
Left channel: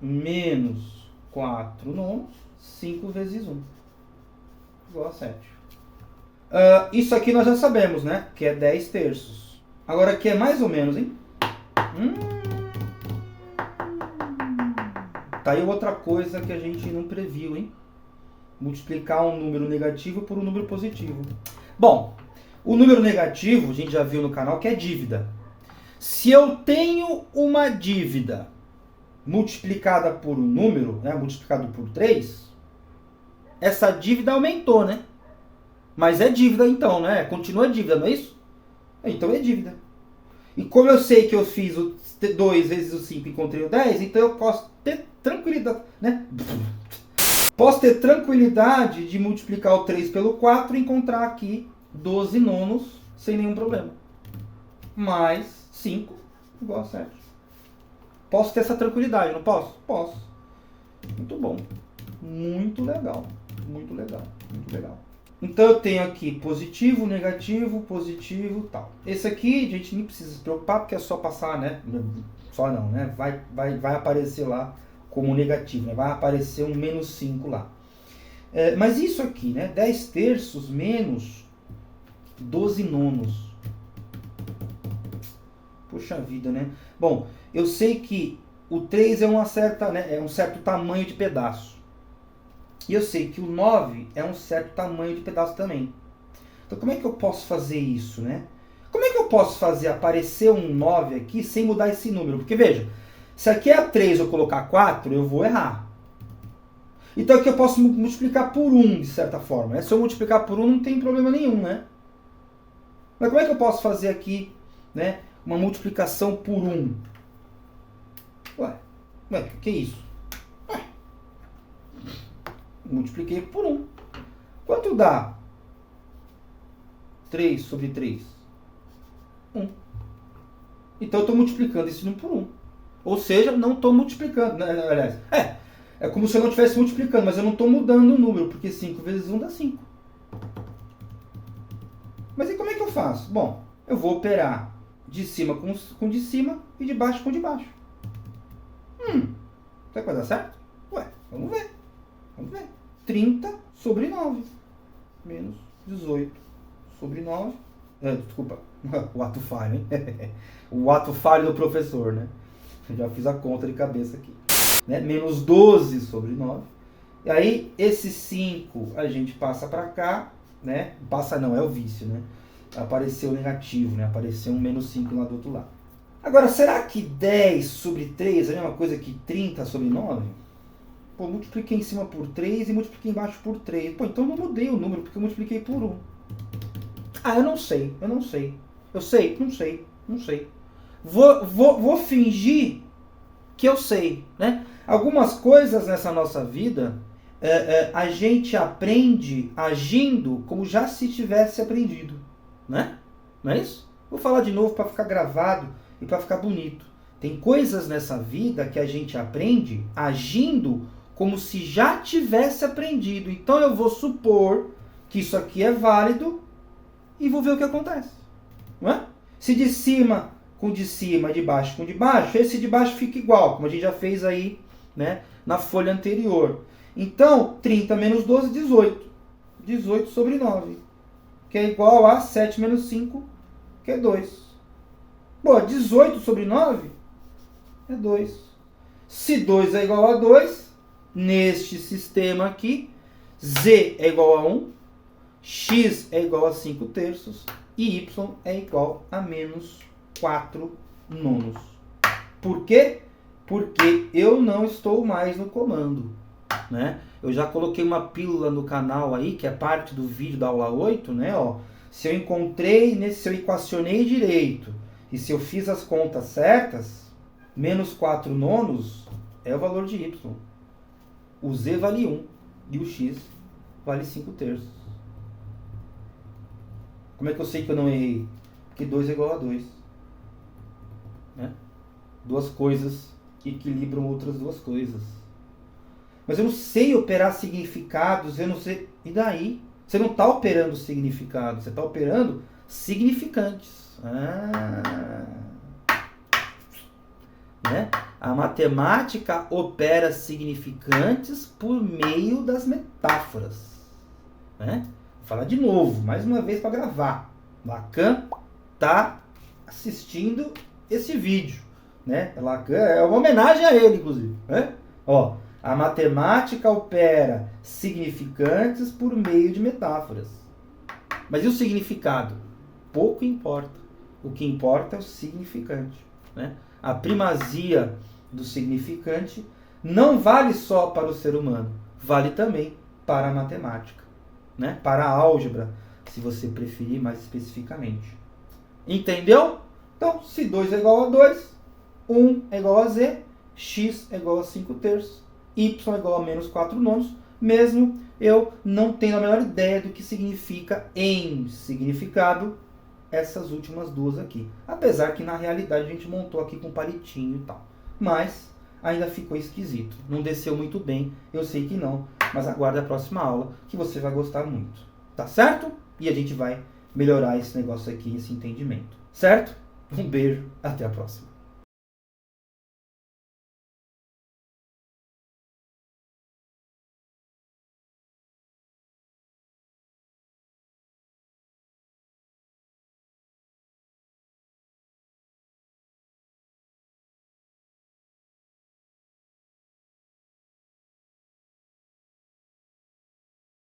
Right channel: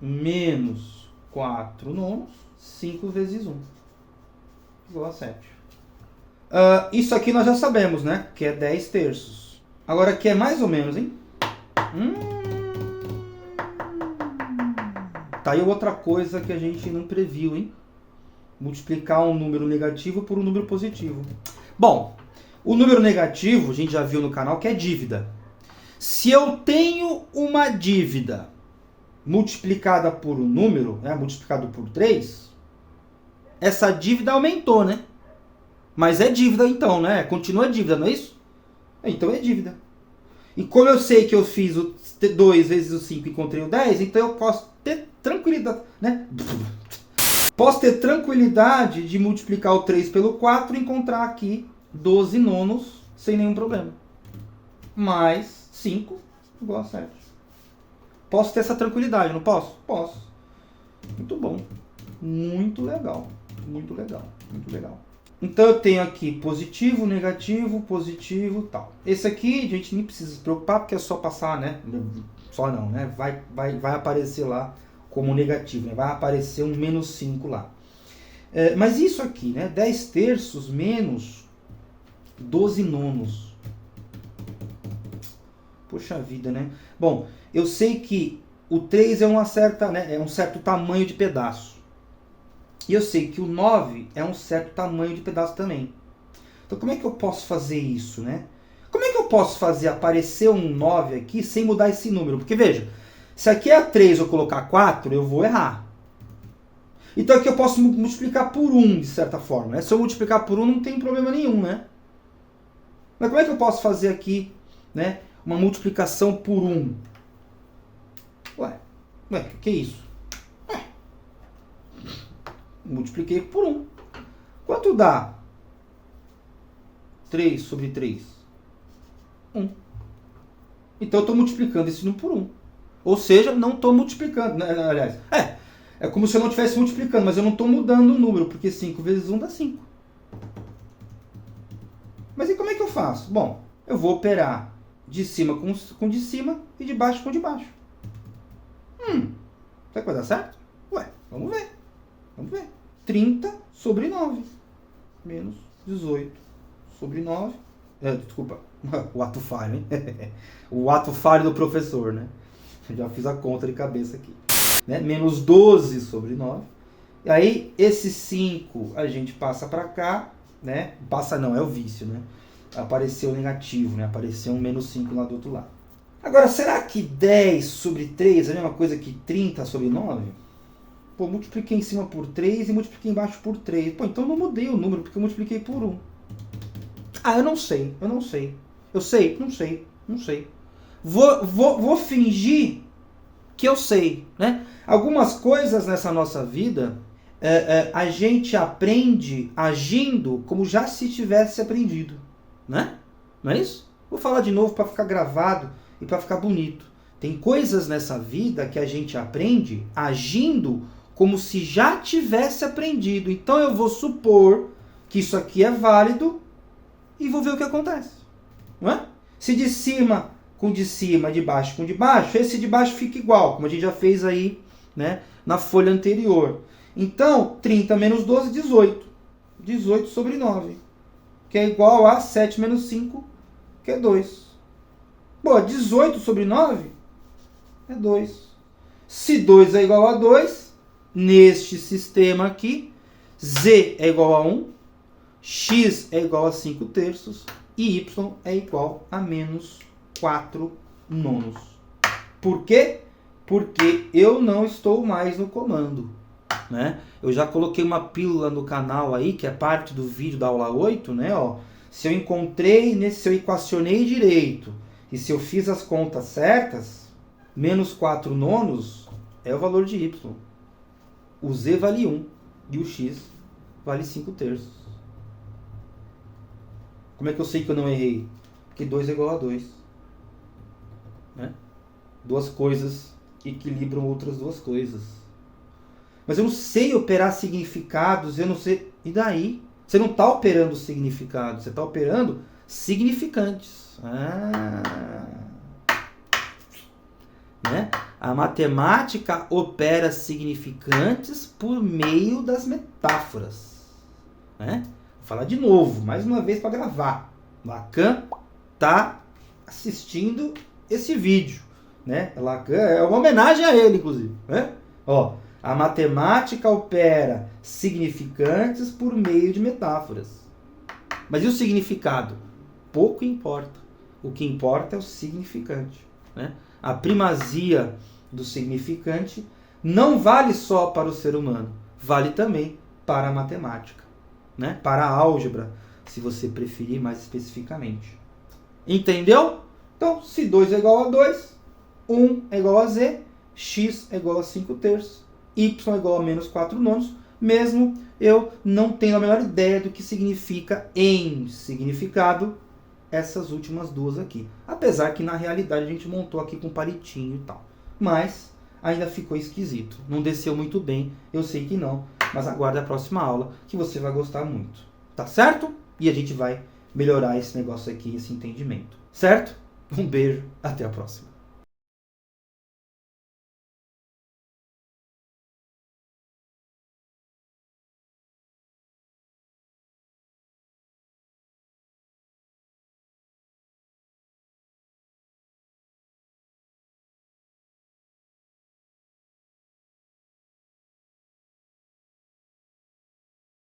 menos 4 nonos, 5 vezes 1, igual a 7. Isso aqui nós já sabemos, né? Que é 10 terços. Agora aqui é mais ou menos, hein? Tá aí outra coisa que a gente não previu, hein? Multiplicar um número negativo por um número positivo. Bom, o número negativo, a gente já viu no canal, que é dívida. Se eu tenho uma dívida multiplicada por um número, né, multiplicado por 3, essa dívida aumentou, né? Mas é dívida então, né? Continua dívida, não é isso? Então é dívida. E como eu sei que eu fiz o 2 vezes o 5 e encontrei o 10, então eu posso ter tranquilidade, né? Posso ter tranquilidade de multiplicar o 3 pelo 4 e encontrar aqui 12 nonos sem nenhum problema. Mais 5 igual a 7. Posso ter essa tranquilidade, não posso? Posso. Muito bom. Muito legal. Muito legal. Muito legal. Então eu tenho aqui positivo, negativo, positivo, tal. Esse aqui a gente nem precisa se preocupar porque é só passar, né? Só não, né? Vai aparecer lá como negativo, né? Vai aparecer um menos 5 lá. Mas isso aqui, né? 10 terços menos 12 nonos. Puxa vida, né? Bom, eu sei que o 3 é um certo tamanho de pedaço. E eu sei que o 9 é um certo tamanho de pedaço também. Então como é que eu posso fazer isso, né? Como é que eu posso fazer aparecer um 9 aqui sem mudar esse número? Porque veja, se aqui é 3 eu colocar 4, eu vou errar. Então aqui eu posso multiplicar por 1, de certa forma, né? Se eu multiplicar por 1 não tem problema nenhum, né? Mas como é que eu posso fazer aqui, né, uma multiplicação por 1? Ué, que é isso? Multipliquei por 1. Quanto dá 3 sobre 3? 1. Então eu estou multiplicando esse número por 1. Ou seja, não estou multiplicando. Né? Aliás, é como se eu não estivesse multiplicando, mas eu não estou mudando o número, porque 5 vezes 1 dá 5. Mas e como é que eu faço? Bom, eu vou operar de cima com de cima e de baixo com de baixo. Será que vai dar certo? Ué, vamos ver. Vamos ver. 30 sobre 9. Menos 18 sobre 9. Desculpa, o ato falho, hein? O ato falho do professor, né? Já fiz a conta de cabeça aqui. Né? Menos 12 sobre 9. E aí, esse 5 a gente passa para cá, né? Passa não, é o vício, né? Apareceu negativo, né? Apareceu um menos 5 lá do outro lado. Agora, será que 10 sobre 3 é a mesma coisa que 30 sobre 9? Pô, multipliquei em cima por 3 e multipliquei embaixo por 3. Pô, então eu não mudei o número, porque eu multipliquei por 1. Ah, eu não sei. Eu sei? Não sei. Vou fingir que eu sei, né? Algumas coisas nessa nossa vida, a gente aprende agindo como já se tivesse aprendido, né? Não é isso? Vou falar de novo para ficar gravado e para ficar bonito. Tem coisas nessa vida que a gente aprende agindo como se já tivesse aprendido. Então eu vou supor que isso aqui é válido e vou ver o que acontece. Não é? Se de cima com de cima, de baixo com de baixo, esse de baixo fica igual, como a gente já fez aí, né, na folha anterior. Então, 30 menos 12, 18. 18 sobre 9, que é igual a 7 menos 5, que é 2. Bom, 18 sobre 9 é 2. Se 2 é igual a 2, neste sistema aqui, Z é igual a 1, X é igual a 5 terços e Y é igual a menos 4 nonos. Por quê? Porque eu não estou mais no comando, né? Eu já coloquei uma pílula no canal aí, que é parte do vídeo da aula 8, né? Ó, se eu encontrei, se eu equacionei direito e se eu fiz as contas certas, menos 4 nonos é o valor de Y. O Z vale 1 e o X vale 5 terços. Como é que eu sei que eu não errei? Porque 2 é igual a 2. Né? Duas coisas equilibram outras duas coisas. Mas eu não sei operar significados, eu não sei... E daí? Você não está operando significados, você está operando significantes. Né? A matemática opera significantes por meio das metáforas. Né? Vou falar de novo, mais uma vez para gravar. Lacan está assistindo esse vídeo. Né? Lacan é uma homenagem a ele, inclusive. Né? Ó, a matemática opera significantes por meio de metáforas. Mas e o significado? Pouco importa. O que importa é o significante, né? A primazia do significante não vale só para o ser humano, vale também para a matemática, né? Para a álgebra, se você preferir mais especificamente. Entendeu? Então, se 2 é igual a 2, 1 é igual a z, x é igual a 5/3, y é igual a menos 4/9, mesmo eu não tendo a menor ideia do que significa em significado essas últimas duas aqui. Apesar que na realidade a gente montou aqui com palitinho e tal. Mas ainda ficou esquisito. Não desceu muito bem, eu sei que não. Mas aguarde a próxima aula que você vai gostar muito. Tá certo? E a gente vai melhorar esse negócio aqui, esse entendimento. Certo? Um beijo, até a próxima.